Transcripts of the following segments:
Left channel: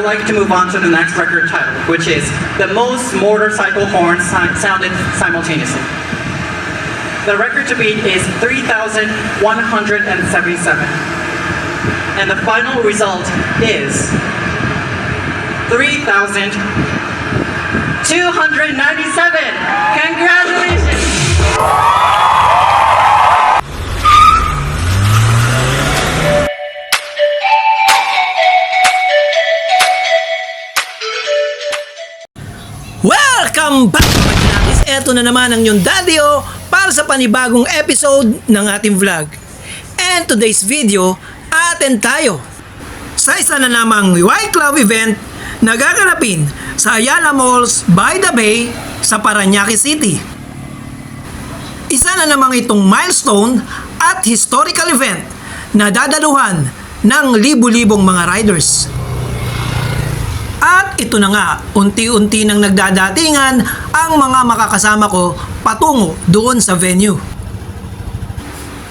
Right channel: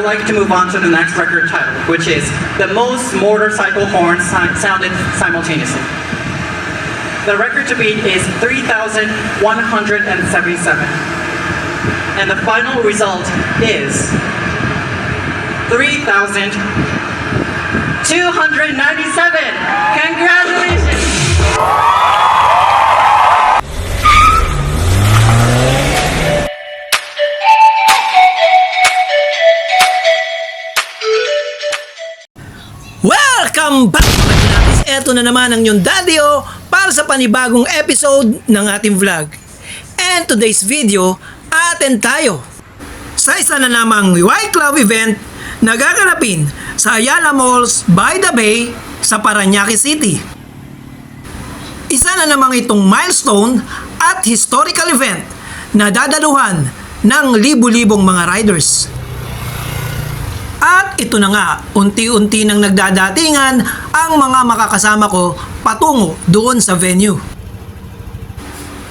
would like to move on to the next record title, which is the most motorcycle horns sounded simultaneously. The record to beat is 3,177. And the final result is 3,297. Congratulations! Welcome back mga Chinakis! Eto na naman ang inyong Daddy O para sa panibagong episode ng ating vlog. And today's video, atin tayo sa isa na namang Y Club event na gaganapin sa Ayala Malls by the Bay sa Parañaque City. Isa na namang itong milestone at historical event na dadaluhan ng libu-libong mga riders. At ito na nga, unti-unti nang nagdadatingan ang mga makakasama ko patungo doon sa venue.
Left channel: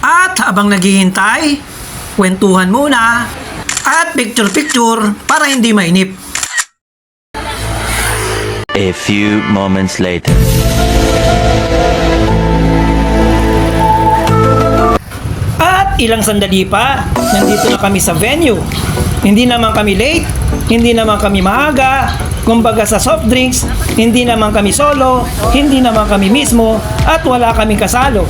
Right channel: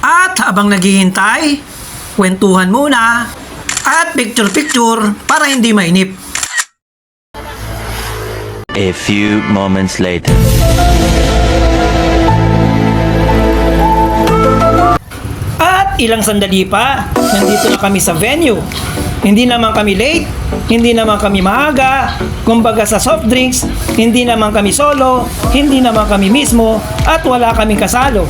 At habang naghihintay, kwentuhan muna at picture-picture para hindi mainip. A few moments later. At ilang sandali pa, nandito na kami sa venue. Hindi naman kami late, hindi naman kami maaga, kumbaga sa soft drinks, hindi naman kami solo, hindi naman kami mismo, at wala kaming kasalo.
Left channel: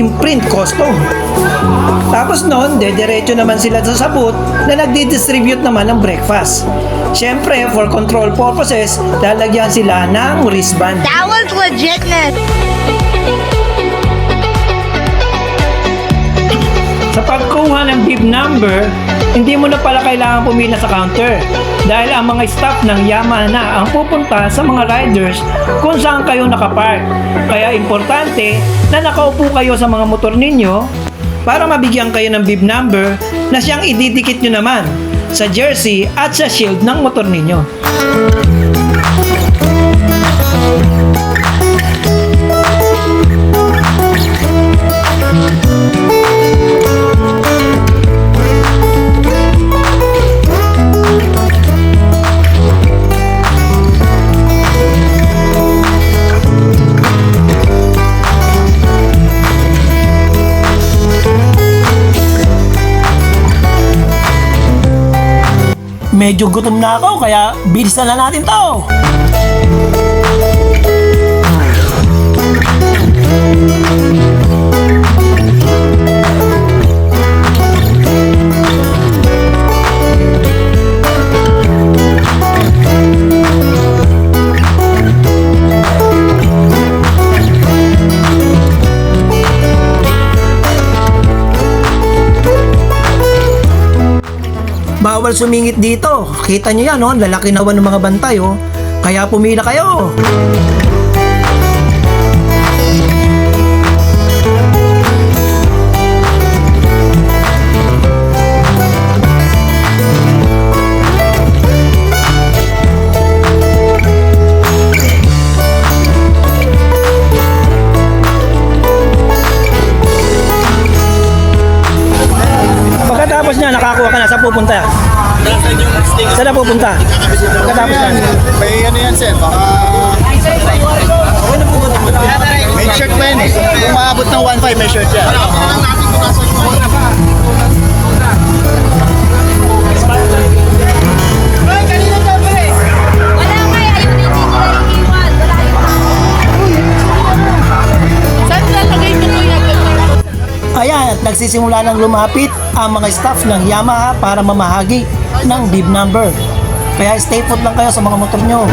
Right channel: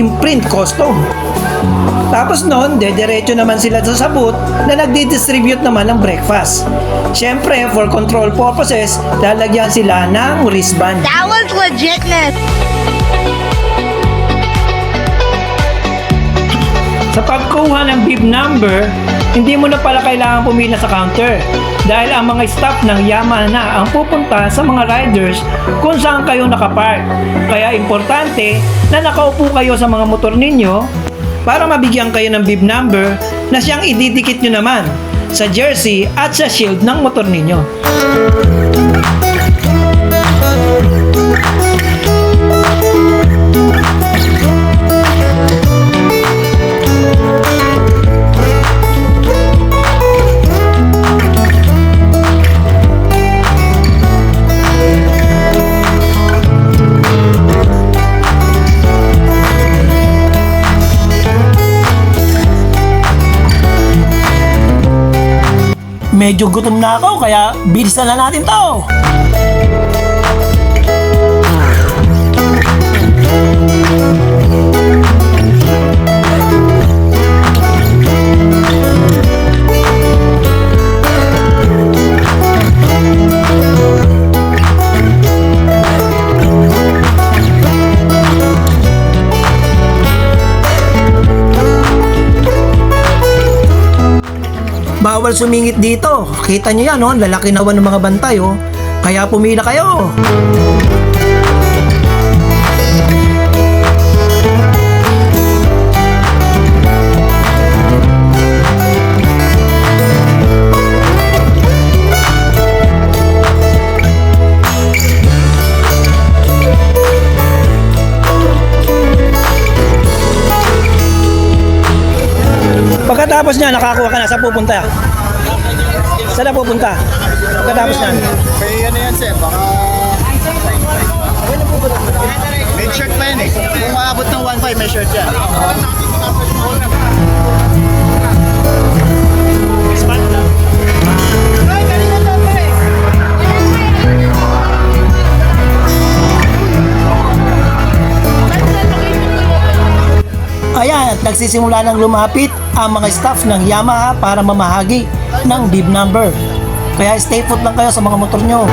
Imprint custom. Tapos noon, dediretso naman sila sa sabot na nagdi-distribute naman ng breakfast. Siyempre, for control purposes, lalagyan sila ng wristband. That was legitness. Sa pag makakuha ng bib number, hindi mo na pala kailangan pumila sa counter dahil ang mga staff ng Yamaha na ang pupunta sa mga riders kung saan kayo nakapark. Kaya importante na nakaupo kayo sa mga motor ninyo para mabigyan kayo ng bib number na siyang ididikit nyo naman sa jersey at sa shield ng motor ninyo. Medyo gutom na ako kaya bilisan na natin to. Bawal sumingit dito. Kita nyo yan, oh, lalaki naman ng mga bantay, oh. Kaya pumila kayo. Pagkatapos niya, nakakuha ka na. Saan pupunta? Saan na pupunta? Pagkatapos niya. May ano yan, sir? Baka... May shirt pa yan eh. Kung maabot ng 1.5, may shirt yan. Ayan, at nagsisimula ng lumapit ang mga staff ng Yamaha para mamahagi ng bib number. Kaya stay put lang kayo sa mga motor nyo.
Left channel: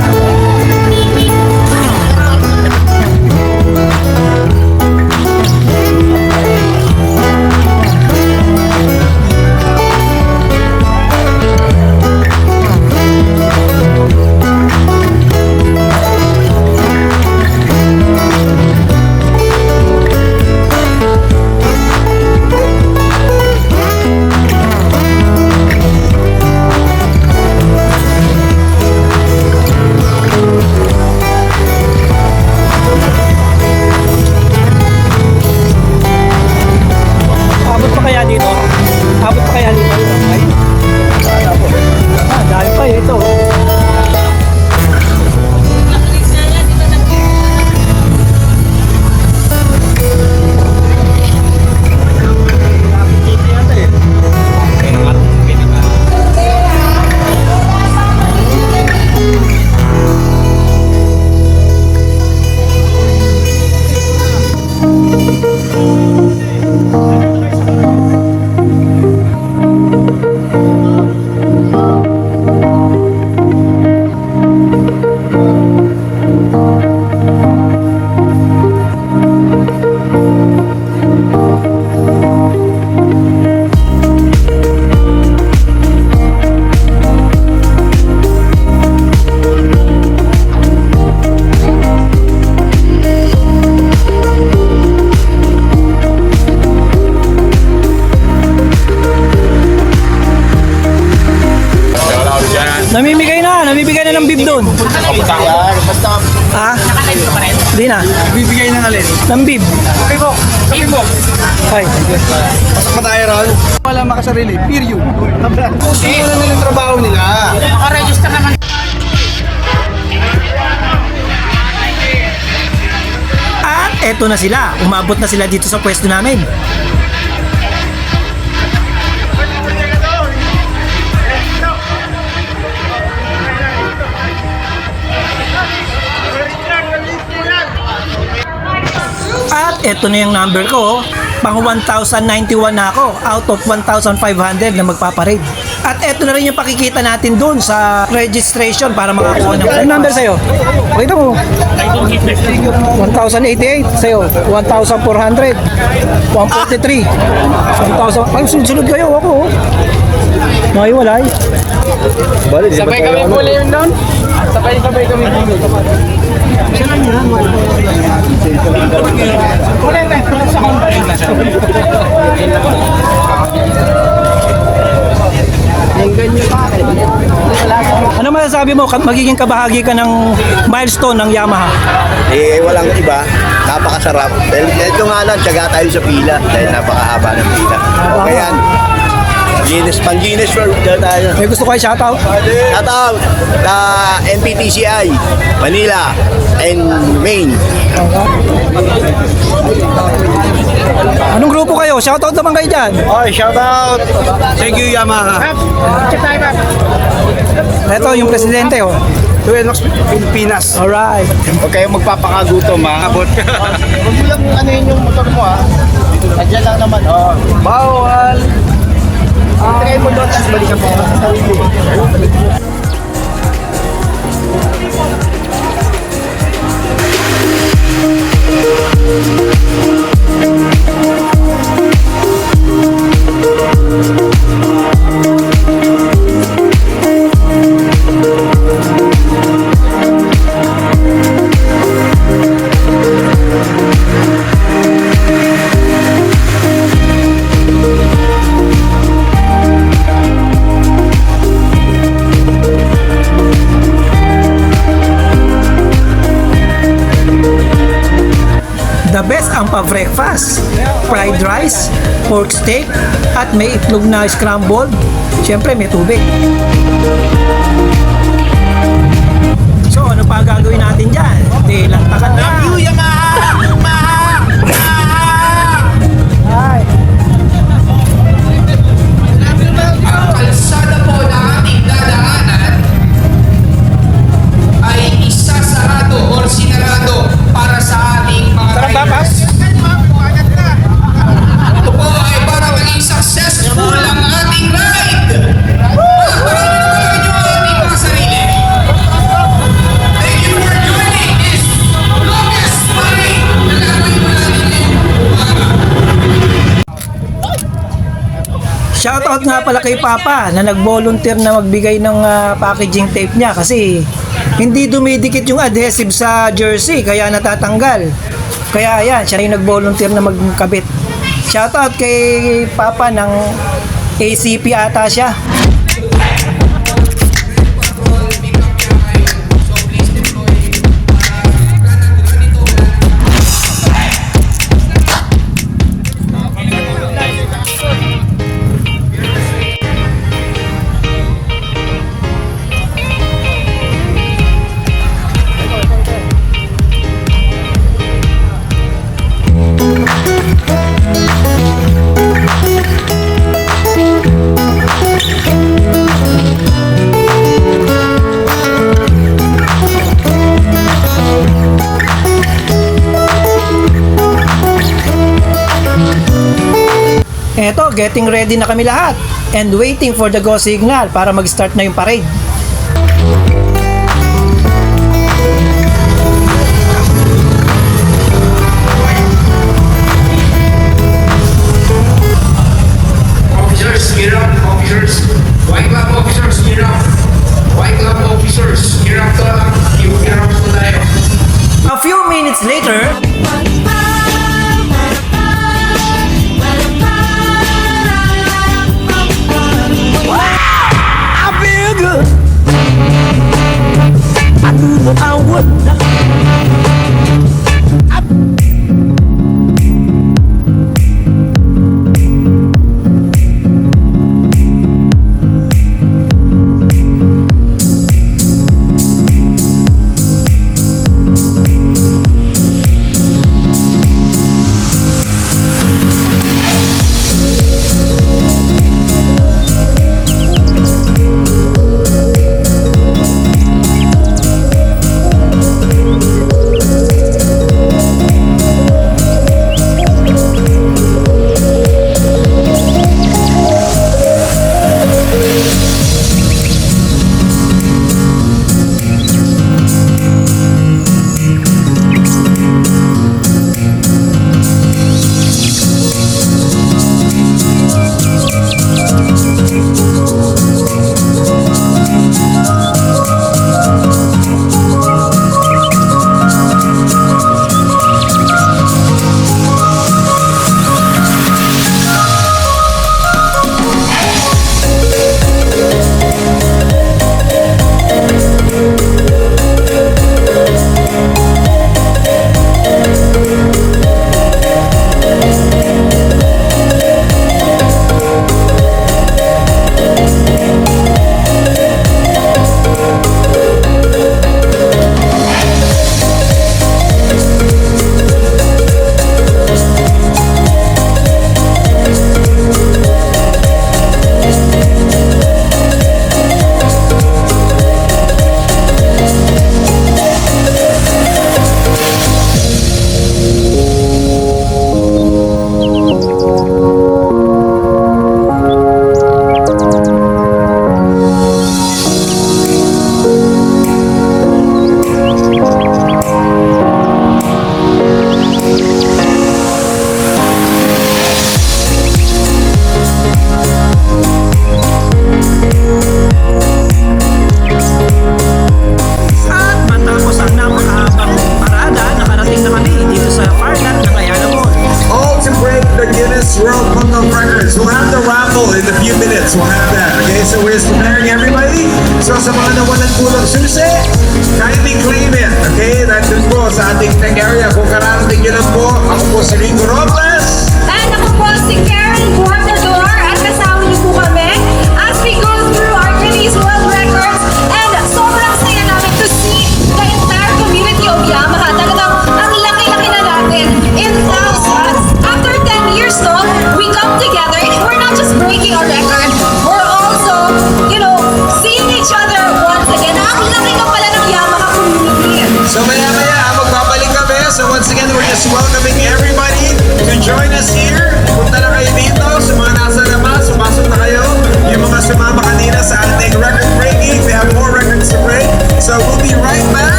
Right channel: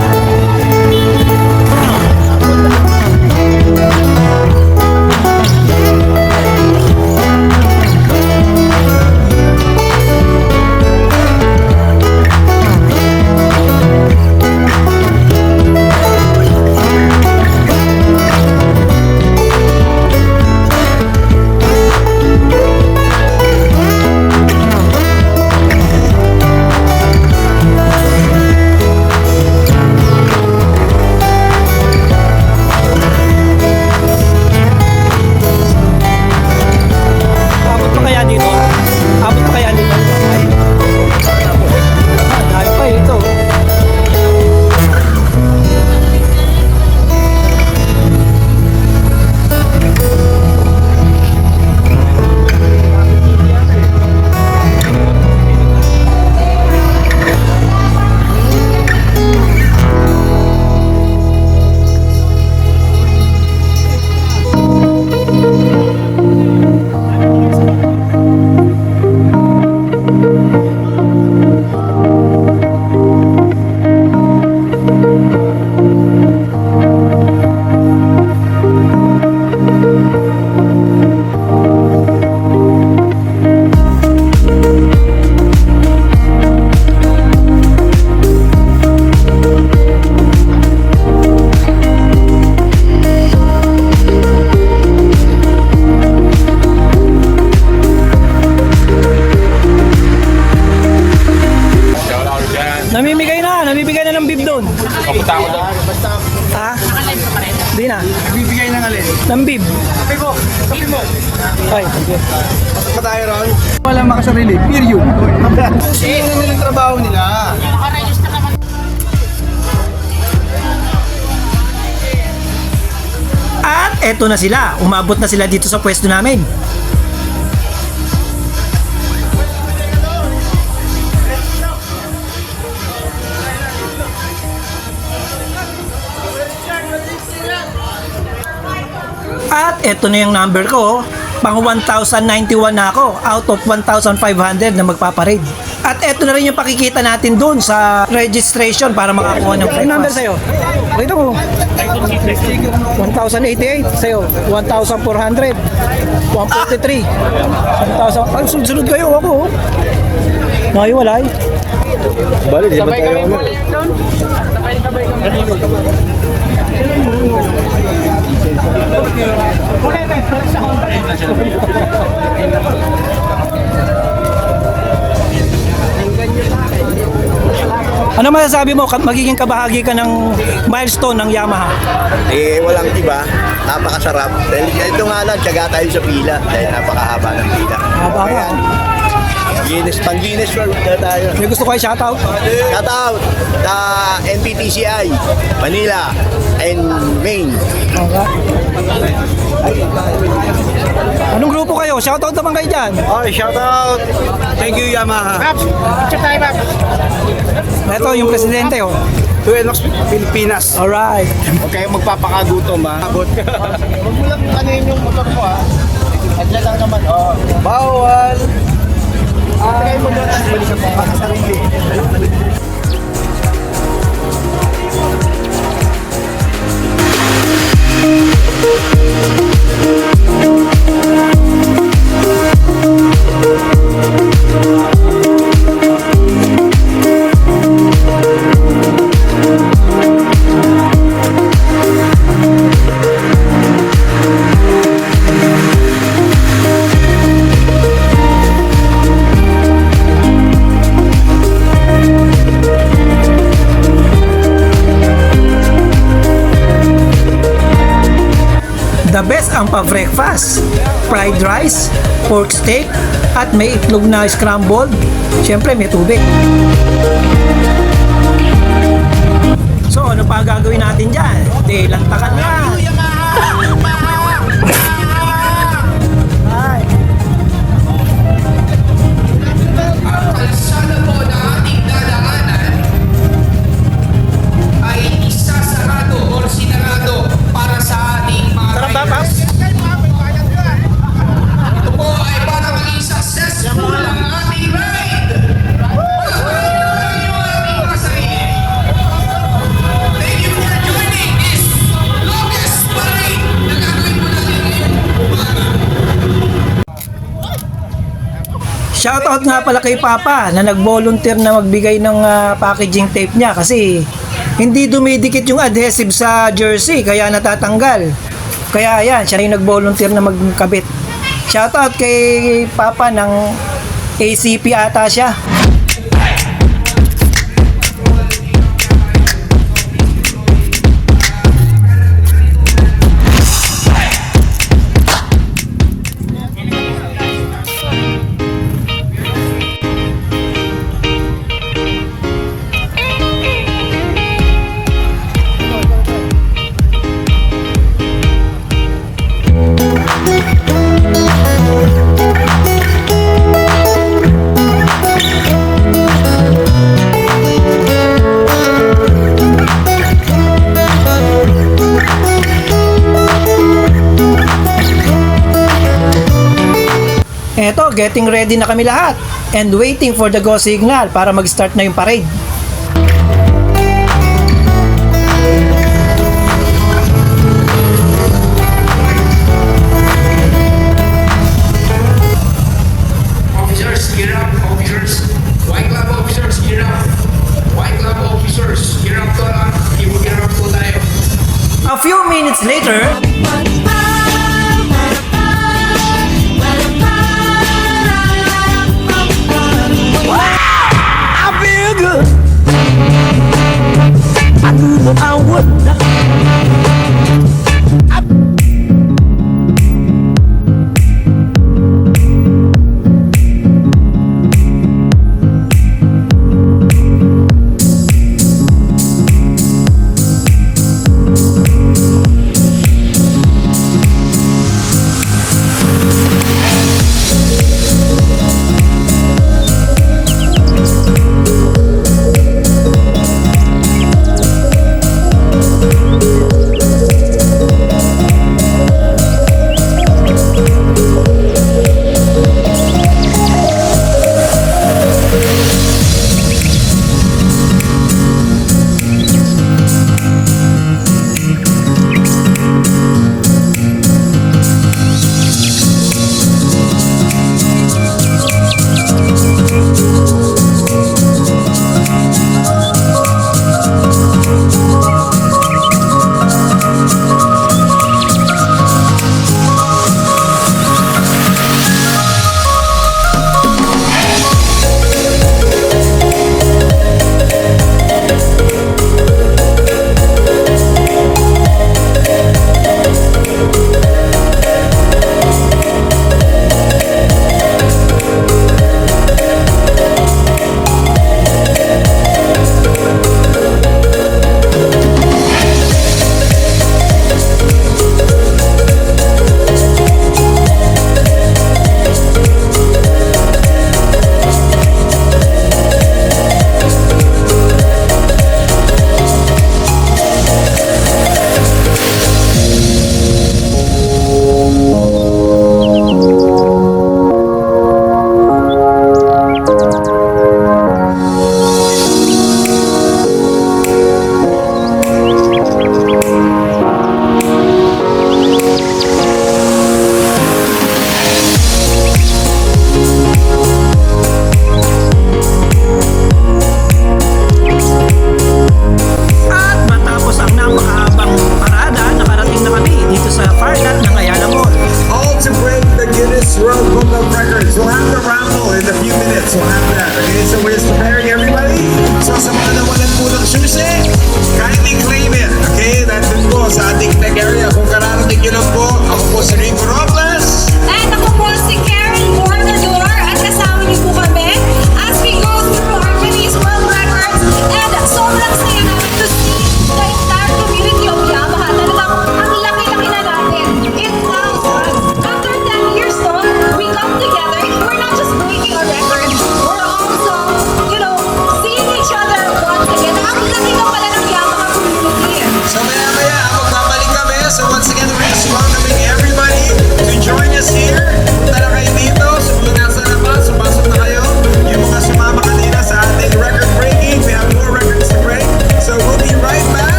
Namimigay na ng bib doon. Ha? Hindi na. Bibigay na natin. Ng bib. Ay. Pasok pa tayo ron? Wala makasarili. Period. Sige na nila yung trabaho nila. Nakaregister naman. At eto na sila. Umabot na sila dito sa pwesto namin. At eto na yung number ko, pang 1,091 na ako out of 1,500 na magpaparade. At eto na rin yung pakikita natin dun sa registration para makakuha ng breakfast. Ano number sa'yo? Pakita mo. 1,091. 1,088. Sa'yo, 1,400. 143. 1,000. Ay, sunod-sunod kayo. Ako, oh. May walay. Sabay kami puli yun doon. Sabay kami puli. Ano masasabi mo? Magiging kabahagi ka ng milestone ng Yamaha. Eh, walang iba. Napakasarap. Ito nga lang, tiyaga tayo sa pila. Dahil napakahaba ng pila. Okay yan. Pang-Guinness World na tayo. May gusto kayo shoutout? Shout out sa NPTCI, Manila, and Maine. Anong grupo kayo? Shoutout naman kayo dyan. Okay, shout out. Thank you, Yamaha. Ito yung presidente, oh. Duelox Pilipinas. Alright. Huwag kayong magpapakagutom ha. Abot. Huwag mo lang anuhin yung motor mo ha. Nandiyan lang naman. Bawal. Kaya mo doon. Balikan mo sa sarili. The best ang pa-breakfast. Fried rice, pork steak, at may itlog na scrambled. Siyempre may tubig. So ano pa gagawin natin dyan? Di lantakan na. Kalsada po na ating dadaanan ay isasarado o sinarado para sa ating mga riders. Ito po ay para maging successful ang ating ride. Pagkakalagin naman ang ating mga sarili. Thank you for joining this longest ride na gagawin mo natin ngayong umaga. Shoutout nga pala kay Papa na nag-volunteer na magbigay ng packaging tape niya kasi hindi dumidikit yung adhesive sa jersey kaya natatanggal. Kaya yan, siya rin nag-volunteer na magkabit. Shoutout kay Papa ng ACP ata siya. Eto, getting ready na kami lahat and waiting for the go signal para mag-start na yung parade. Officers, gear up, officers. White glove officers, gear up. White glove officers, gear up to lang. Gear up to tayo. A few minutes later, I feel good.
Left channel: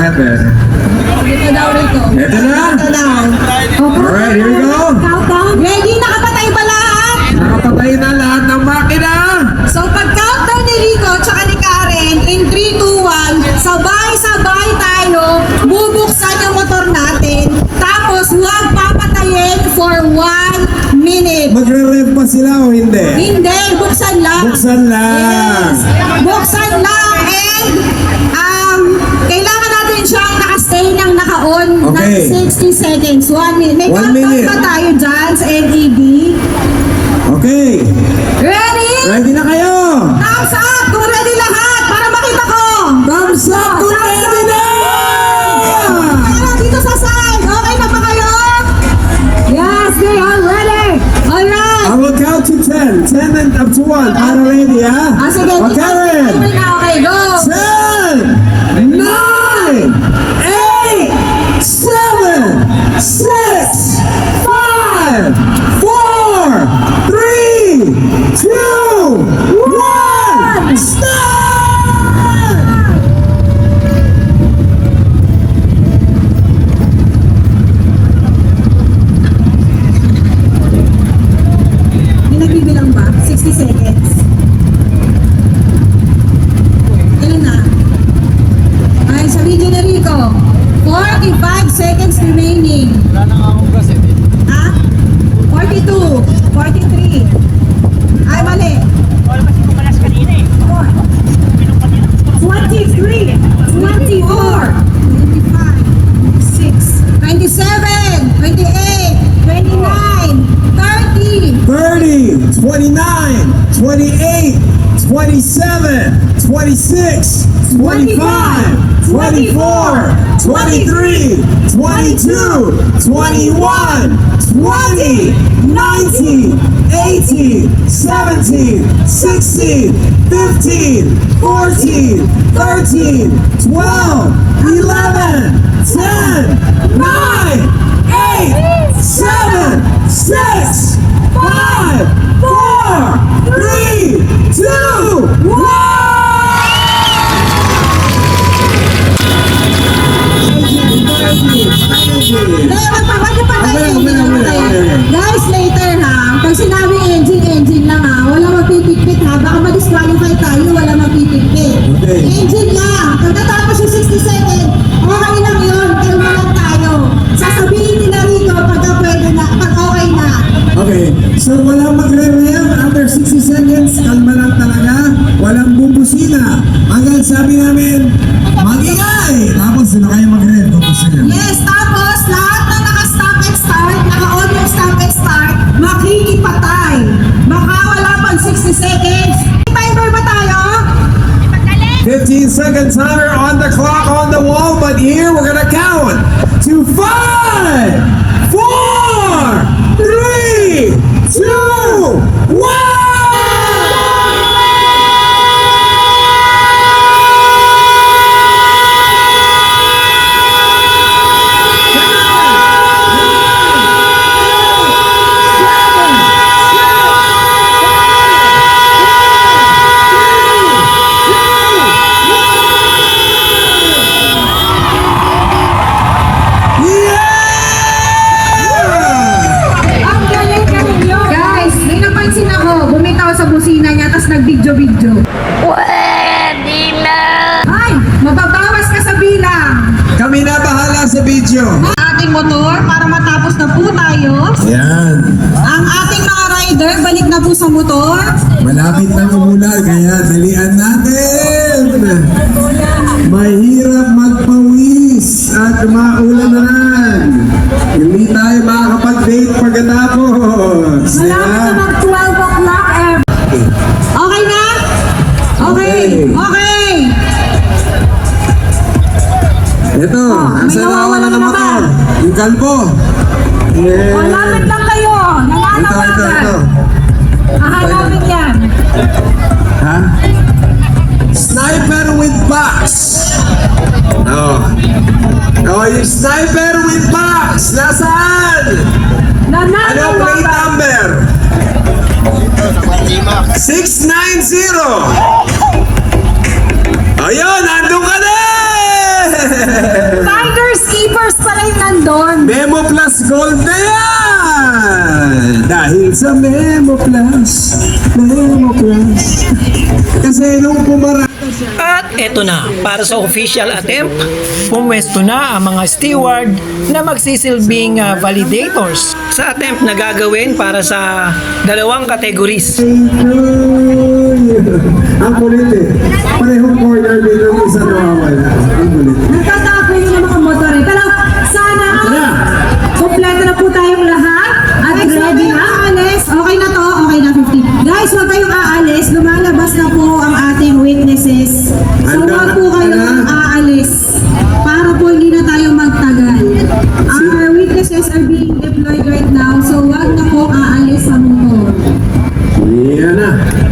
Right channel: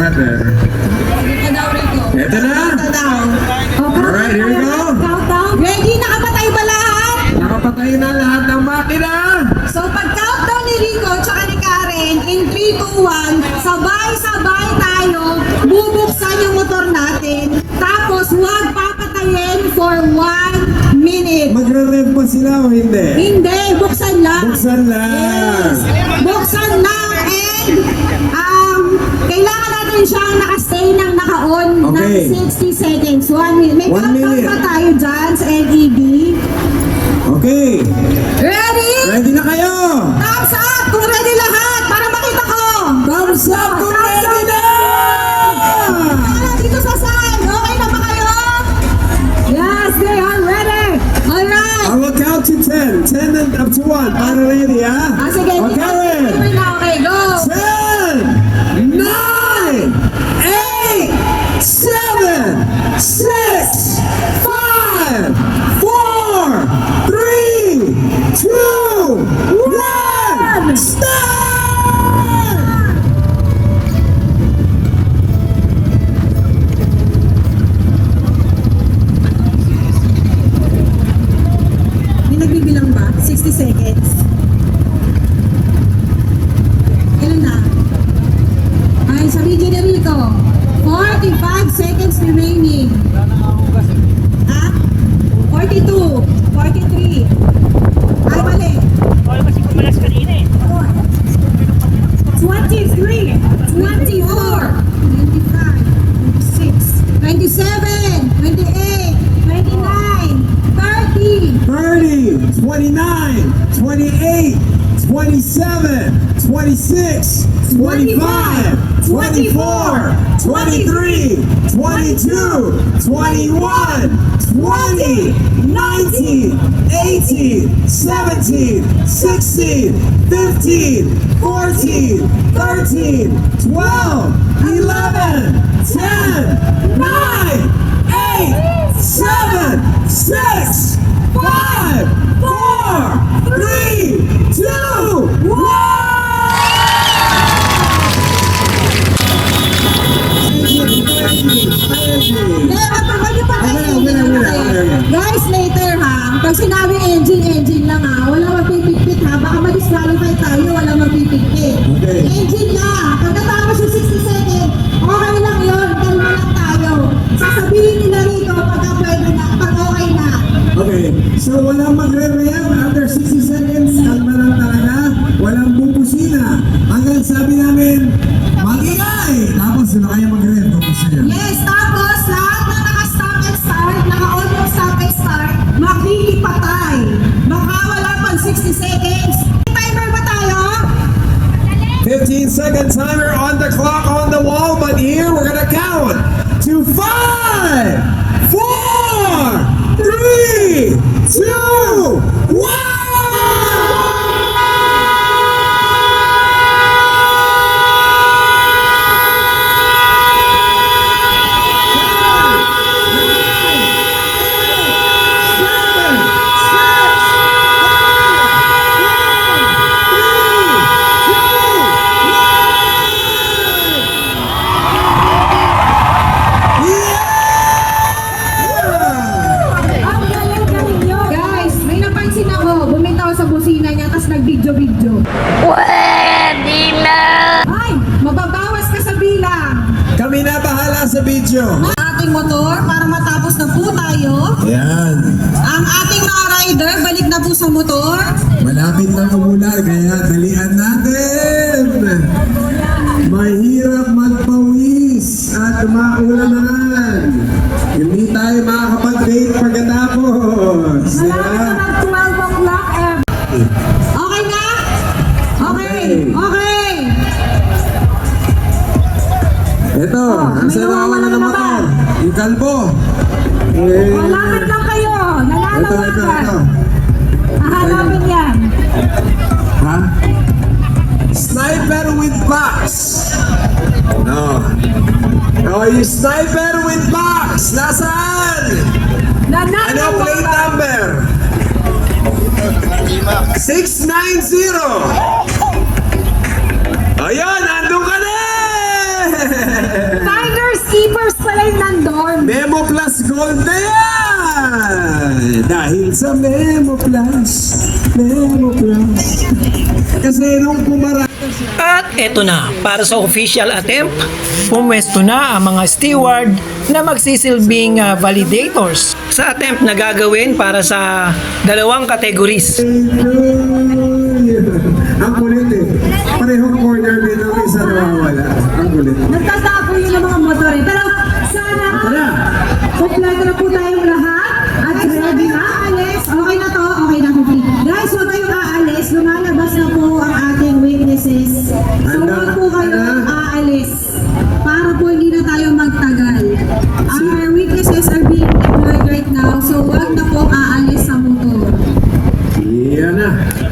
lahat eh. Ito na! Alright, here we go! Ready? Nakapatay ba lahat? Nakapatay na lahat ng makina! So pag-countdown ni Rico tsaka ni Karen, in 3, 2, 1, sabay-sabay tayo, bubuksan yung motor natin, tapos huwag papatayin for 1 minute. Magre-rev pa sila o hindi? Hindi, buksan lang. Buksan lang! Buksan lang and kailangan natin siyang nakastay ng naka-on Okay. ng 60 seconds. 1 minute. May 1 countdown minute. ba tayo dyan sa LED? Okay! Ready? Ready na kayo! Thumbs up kung ready lahat para makita ko! Thumbs up kung ready na! Kaya dito sa side, okay na ba kayo? Yes, they are ready! Alright! I will count to 10. 10 and up to 1. Para ready, ha? Sige, O, Karen! okay na, okay, go! 10, 9, 8, 7, 6, 5, 4, 3, 2, 1, start! Hindi nagbibilang ba? 60 seconds. Ano na? Ay, sa video ni Rico, 45 seconds remaining. Ha? 42, 43. Ay, mali. 23, 24, 25, 6, 27, 28, 29, 30. 30, 29, 28, 27, 26, 25, 24, 23, 22, 21, 20, 19, 18, 17, 16, 15, 14, 13, 12, 11, 10, 9, 8, 7, 6, 5, 4, 3, 2, 1! Guys, later ha, pag sinabi engine lang ha, wala magpipikpit ha, baka ma-disqualify tayo, wala magpipikpit. Okay. Engine lang, pagkatapos yung 60 seconds, okay lang yun, kalma lang tayo. Sasabihin nila rito pagka pwede na, pag okay na. Okay, so walang magre-rev after 60 seconds, kalma lang talaga, walang bubusina. Hanggang sabi namin, mag-ingay! Tapos sino kayo mag-rev, bubusina. Yes, tapos lahat na naka-stop and start, naka-on yung stop and start, makikipatay. Baka wala pang 60 seconds. Timer ba tayo? 15-second timer on the clock on the wall, but here we're gonna count to 5, 4, 3, 2, 1! Ang galing-galing yun. Guys, may napansin ako, bumitaw sa busina niya, tapos nag-video-video. Pwede na! Ay, mababawas ka sa bilang. Kami na bahala sa video. Ating motor, para matapos na po tayo. Yan. Ang ating mga rider, balik na po sa motor. Malapit na umulan, kaya dalian natin. Mahirap magpawis at maulanan. Hindi tayo makakapag-date pagkatapos. Di ba? Malapit na mag 12 o'clock. Okay na? Okay. Okay. Ito, may asa na nawawala wala na naman ba? ako? Yung kalbo. Yeah. Malapit lang kayo. Ito. Nananawagan. Hahanapin yan. Ha? Sniper with box. Oh. Oh, yung sniper with box. Nasaan? Ano plate number? 690. Ayun, nandun ka na! Finders Keepers pala yung nandun. Memo Plus Gold na yan! Dahil sa Memo Plus. Kasi nung pumara... At eto na, para sa official attempt, pumwesto na ang mga steward na magsisilbing validators sa attempt na gagawin para sa dalawang categories. Ang kulit eh. Parehong corner din yung isa nawawala. Ang kulit. Nagtatapo yung mga motor eh. Pero sana kompleto na po tayong lahat. At ready na, aalis. Okay na to, okay na 50. Guys, huwag kayong aalis. Lumalabas na po ang ating witnesses. So huwag po kayong aalis. Para po hindi na tayo magtagal. Our witnesses are being deployed right now. So huwag na po aalis sa motor. Yan na.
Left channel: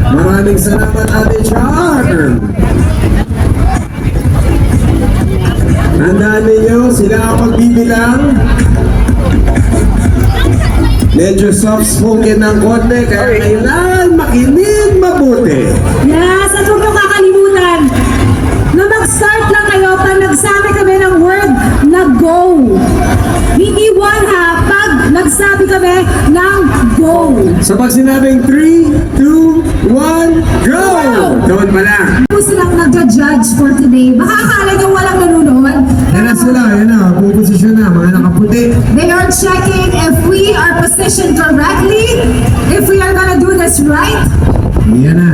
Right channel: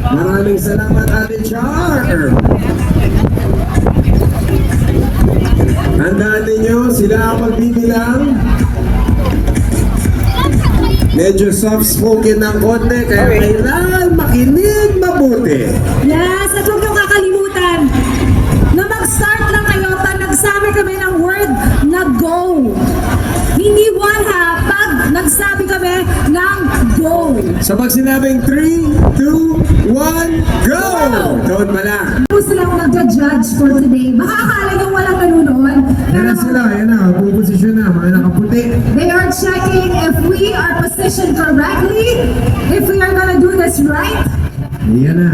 Maraming salamat Ate Char. Tandaan ninyo, sila ang magbibilang. Medyo soft-spoken ng konti, kaya kailangan makinig mabuti. Yes, at huwag nyo kakalimutan na mag-start lang kayo pag nagsabi kami ng word na go. Hindi one ha, pag nagsabi kami ng go. So pag sinabing 3, 2, 1, go! Doon pa lang. Kung silang nagja-judge for today, baka akala nyo walang nanonood. Yan na sila, yan na, puposisyon na, mga nakaputi. They are checking if we are positioned correctly, if we are gonna do this right. Yan na.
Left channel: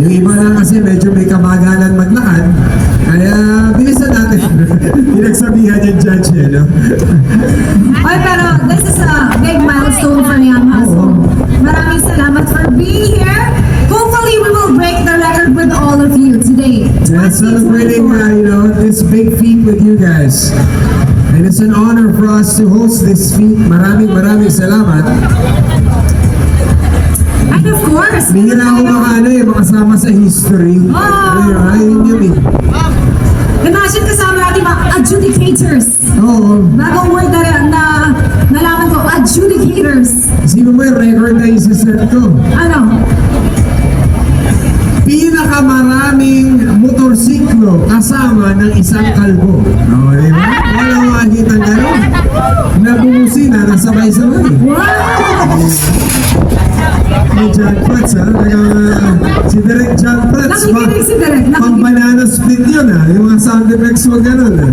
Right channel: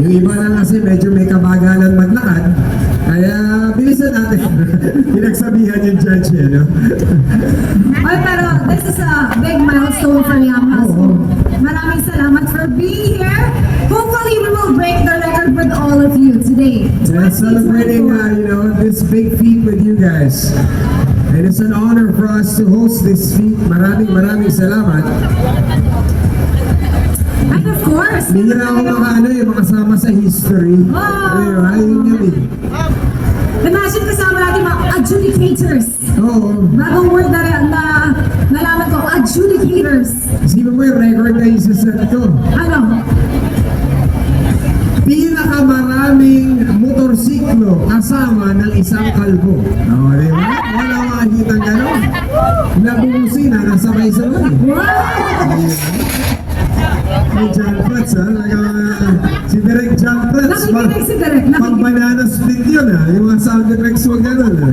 Yung iba na kasi medyo may kabagalan maglakad, kaya bilisan natin. Pinagsabihan yung judge eh, no? Ay, pero this is a big milestone for Yamaha. So, maraming salamat for being here. Hopefully, we will break the record with all of you today. We're celebrating, this big feat with you guys. And it's an honor for us to host this feat. Maraming salamat. And of course, Hindi na ako makasama sa history. Ayun yun eh. imagine kasama natin mga adjudicators. Oo. Bagong word na nalaman ko, adjudicators. Sino mo yung record na isa-set ko? Ano? Pinakamaraming motorsiklo kasama ng isang kalbo. Oo, di ba? Wala makikita gano'n. Nabungusina na sabay-sabay. Wow! Ni John Prats, ha? Si Direk John Prats. Nakikinig si Direk. Pag banana split yun, ha? Yung mga sound effects wag gano'n, ha?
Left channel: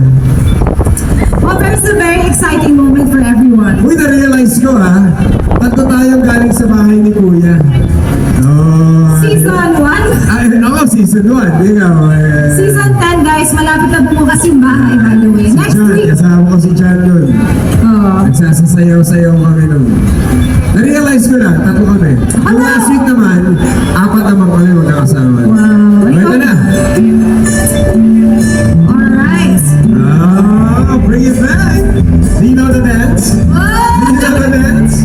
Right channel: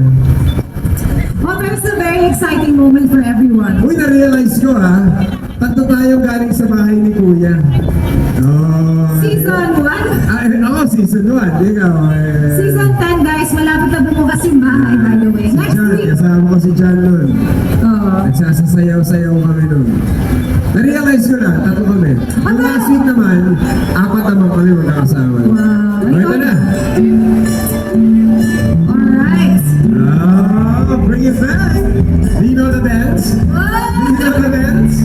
Well, there's a very exciting moment for everyone. Uy, na-realize ko, ha? Tatlo tayong galing sa bahay ni Kuya. Oh, Season 1? Ay, ako, season 1. Ikaw, Season 10, guys, malapit na bumukas yung bahay, by the way. Si Next John, week. kasama ko si John nun. Oh. Nagsasasayaw-sayaw kami nun. Na-realize ko na, tatlo kami. Yung last week naman, 4 naman kami magkakasama. Wow. Ito na. Alright. Oh, bring it back. Do you know the dance? Do you know the dance?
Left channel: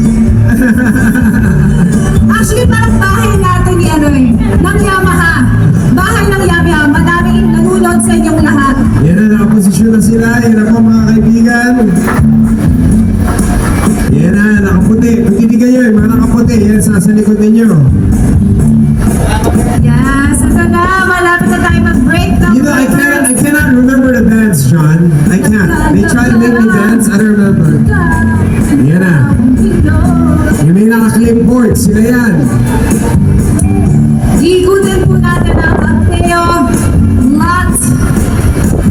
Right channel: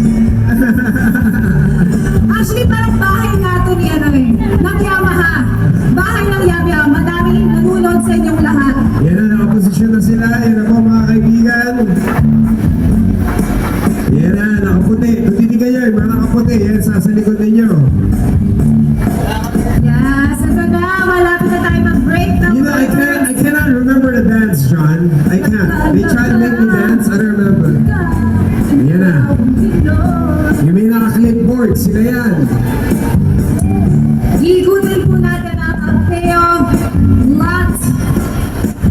Actually, parang bahay natin ni ng Yamaha. Bahay ng Yamaha. Madaming nanonood sa inyong lahat. Yan na, nakaposisyon na sila. Yan ako mga kaibigan. Yan na, nakaputi. Pagtitig kayo, yung mga nakaputi. Yan, sa likod ninyo. Yes, ito na. Malapit na tayo mag-break. You know, I cannot remember the dance, John. I can't. They try to make me dance. I don't remember. Yan na. Yung may naka-clipboard, sila yan. Igutin po natin ang Ampeo lot.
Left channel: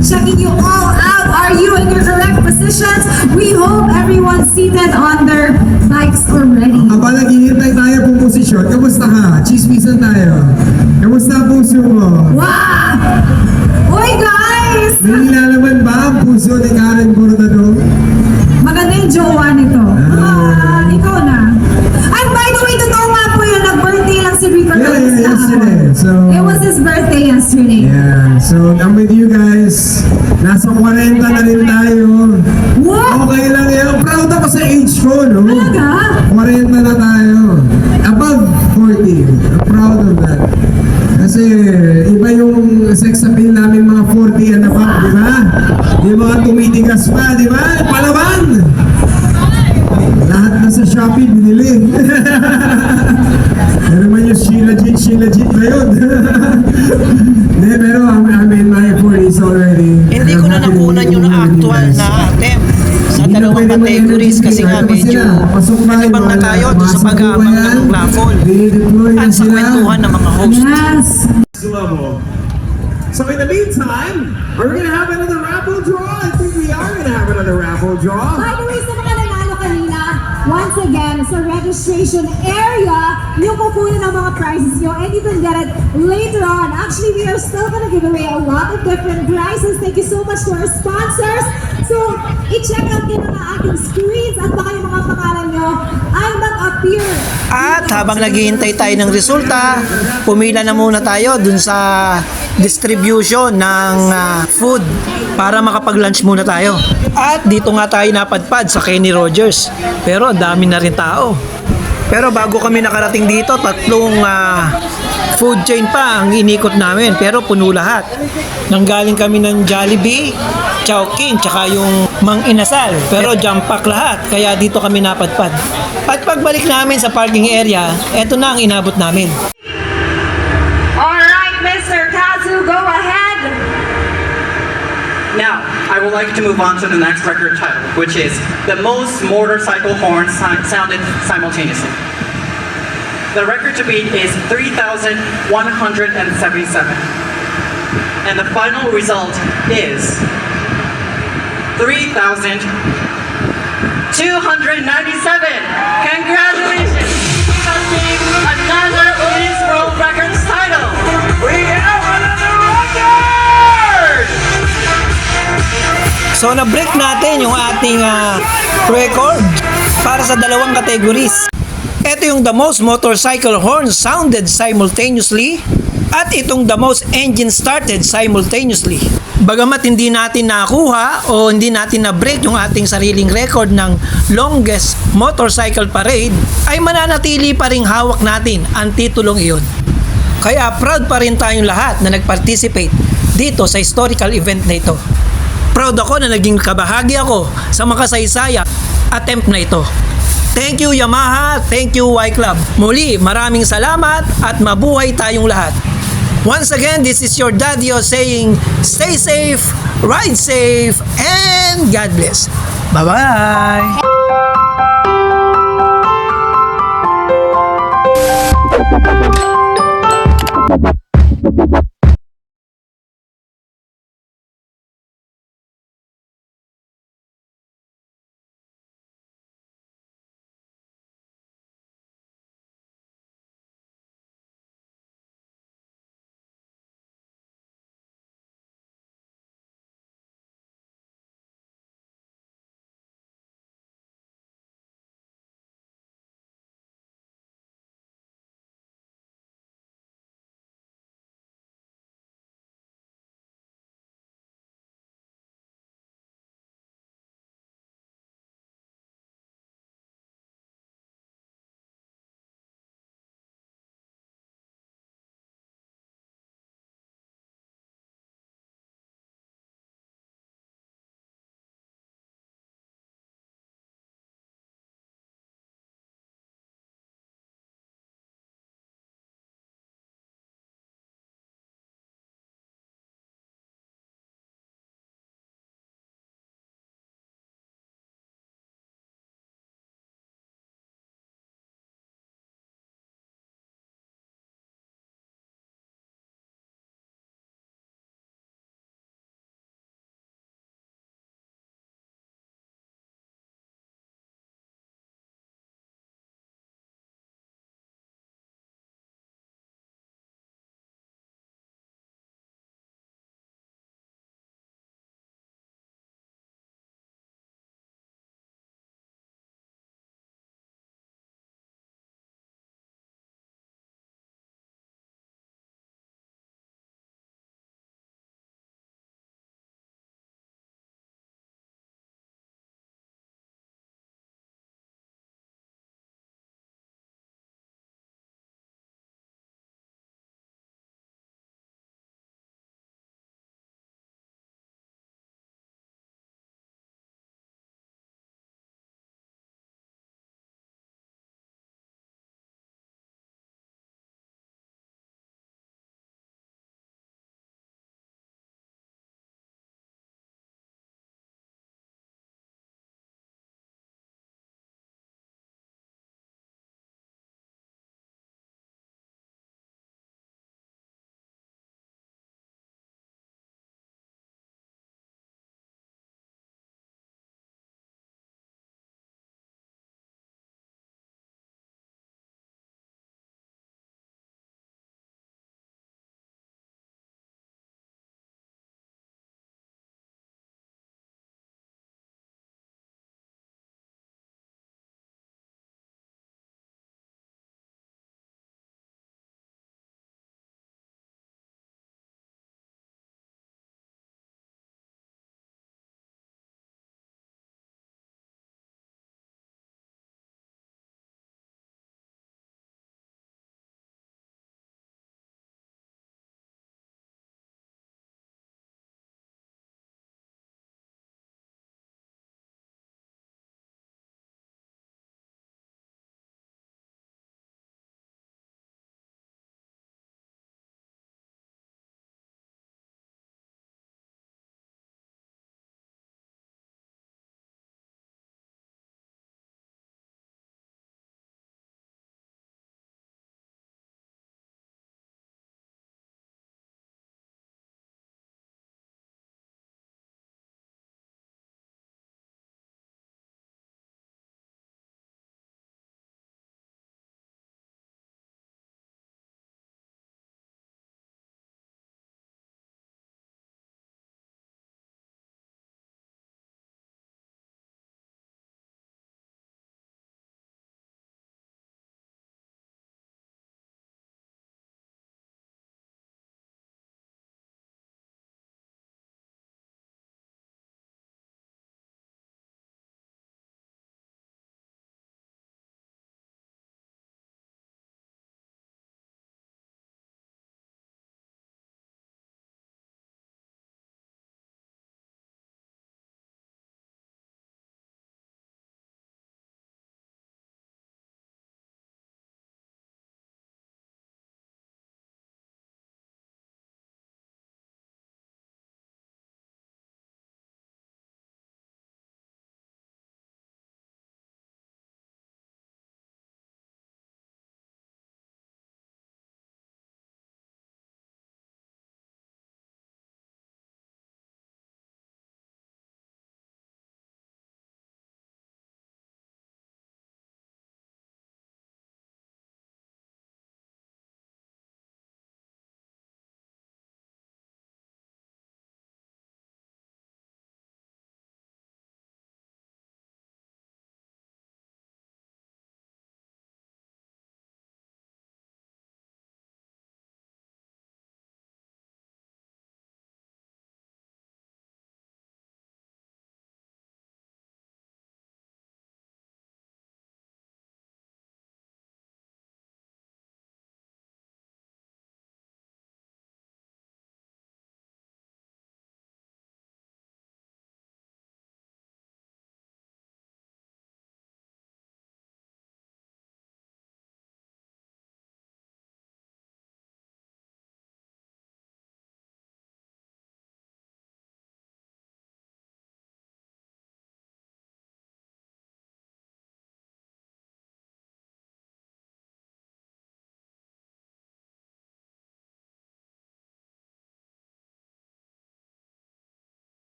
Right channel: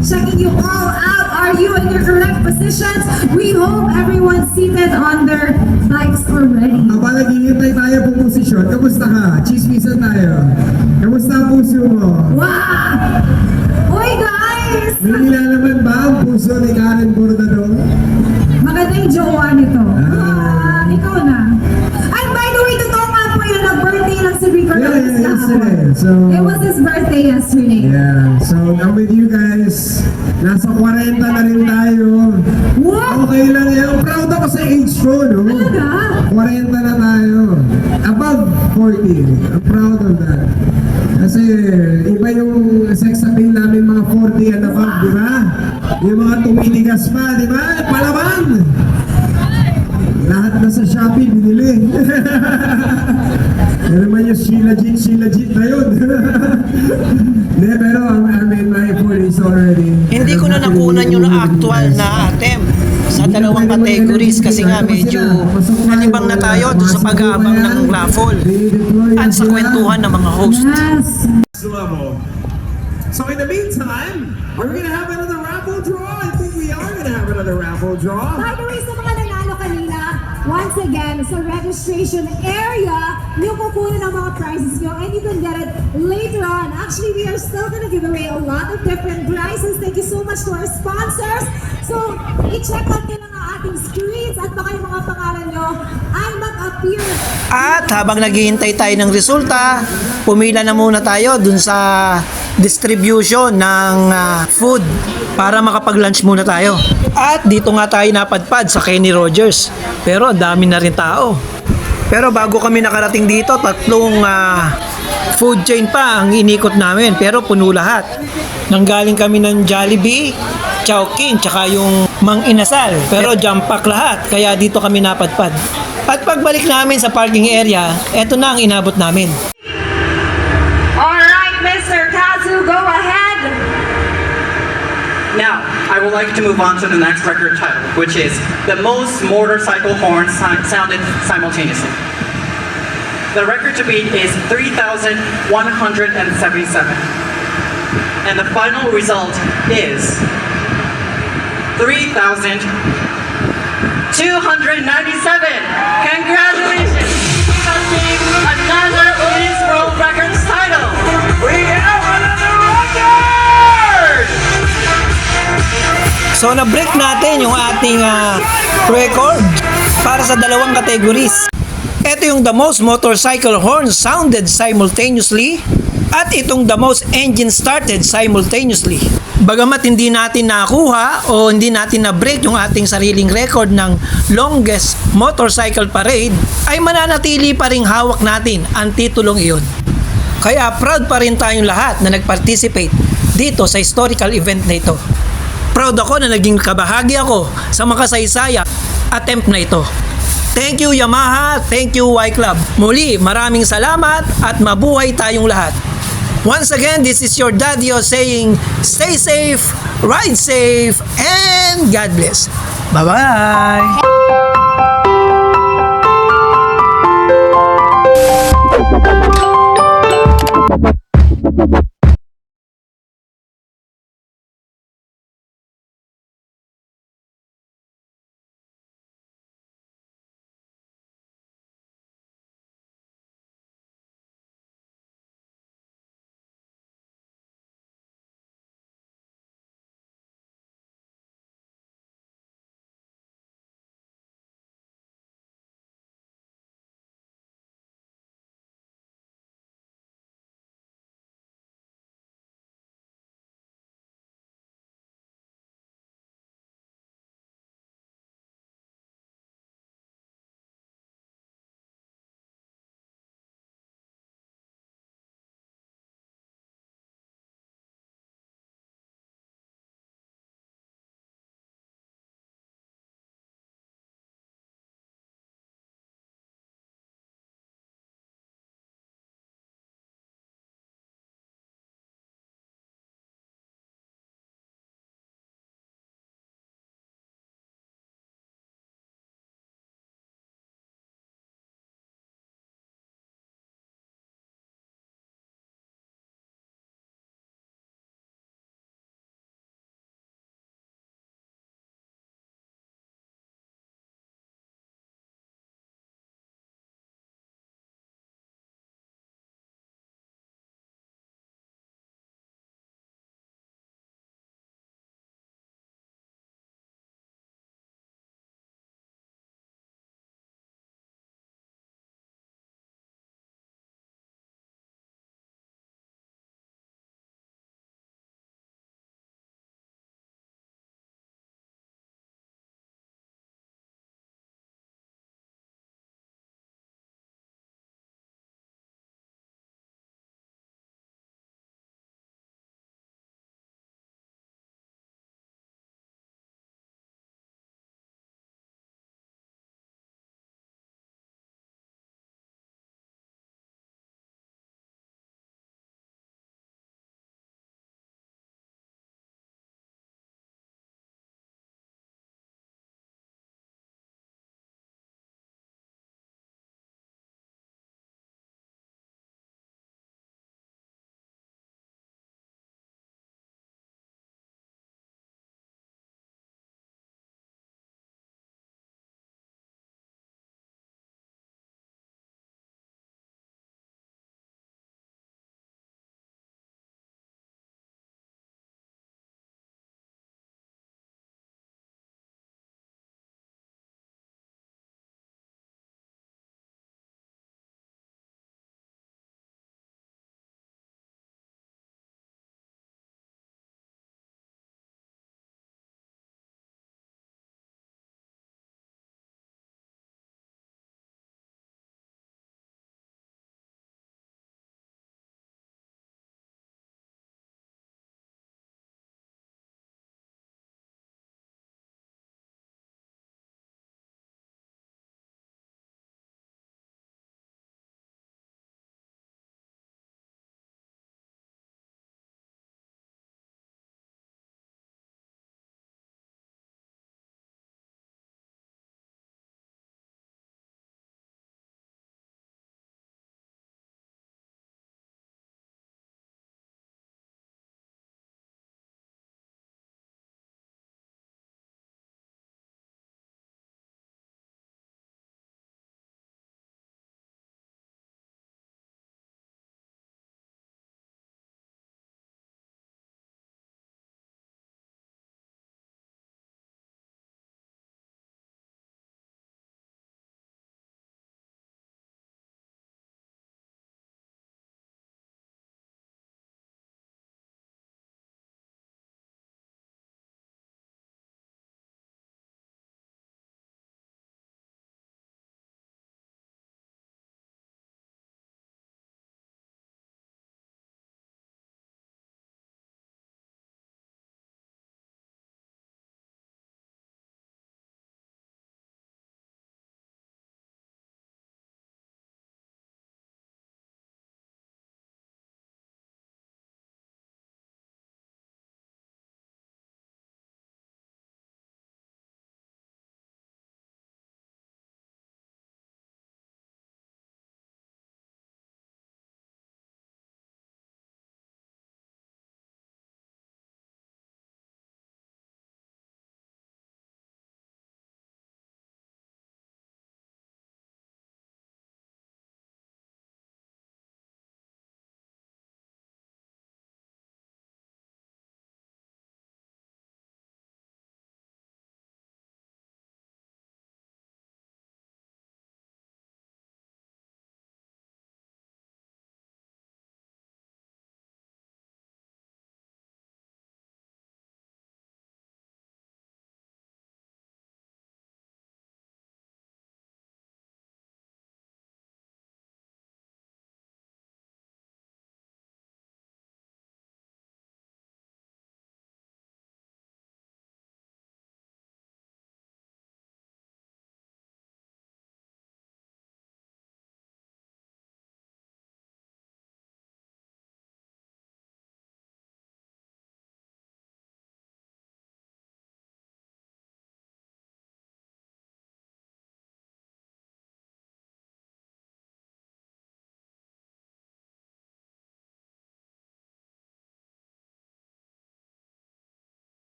Checking you all out. Are you in your correct positions? We hope everyone's seated on their bikes already. Kapag naghihintay tayo po posisyon, kamusta ka? Chismisan tayo. Kamusta ang puso mo? Wow! Uy, guys! May nilalaman ba ang puso ni Karen Bordado? Maganda yung jowa nito. Ikaw na. And by the way, totoo nga po yun. Nag-birthday lang si Rico. Yeah, yesterday. So, It was his birthday yesterday. yeah. So, I'm with you guys. Nasa 40 na rin tayo. What? Okay lang yan. Proud ako sa age ko, no? Talaga? 40 na tayo. Above 40. I'm proud of that. Kasi iba yung sex appeal namin mga 40 and above, di ba? Yung mga tumitigas pa, di ba? Palaban! Lahat na sa Shopee binili. Yan naman yung Sheila Jeet na yun. Hindi, pero I'm in my 40s this already. Hindi ko na nakunan yung actual na attempt sa dalawang categories kasi nga medyo nalibang na tayo doon sa pag-aabang ng raffle at sa kwentuhan ng mga host. Yes! Level. So in the meantime, are we gonna have another raffle draw? I think we are gonna have another raffle draw. By the way, sa mga nanalo kanina, once again, sa registration area, yung kukunin ng mga prizes nyo, and you can get it later on. Actually, we are still gonna give away a lot of different prizes. Thank you so much to our sponsors. So, i-check out din ang ating screens at baka yung mga pangalan nyo ay mag-appear. At habang naghihintay tayo ng resulta, pumila na muna tayo dun sa distribution ng food para makapag-lunch muna tayo. At dito nga tayo napadpad sa Kenny Rogers. Pero ang dami na rin tao. Pero bago kami nakarating dito, tatlong food chain pa ang inikot namin. Pero puno lahat. Nanggaling kami ng Jollibee, Chowking, tsaka yung Mang Inasal. Pero jump pack lahat, kaya dito kami napadpad. At pagbalik namin sa parking area, eto na ang inabot namin. Alright, Mr. Kazu, go ahead. Now, I would like to move on to the next record title, which is the most motorcycle horns sounded simultaneously. The record to beat is 3,177. And the final result is 3,297. Congratulations! Hunting another Guinness World Records title! We have another record! So na-break natin yung ating record para sa dalawang categories. Ito yung the most motorcycle horns sounded simultaneously at itong the most engine started simultaneously. Bagamat hindi natin nakuha o hindi natin na-break yung ating sariling record ng longest motorcycle parade, ay mananatili pa ring hawak natin ang titulong iyon. Kaya proud pa rin tayong lahat na nag-participate dito sa historical event na ito. Proud ako na naging kabahagi ako sa makasaysaya attempt na ito. Thank you Yamaha, thank you Y Club. Muli, maraming salamat at mabuhay tayong lahat. Once again, this is your Daddio saying, stay safe, ride safe, and God bless. Bye-bye!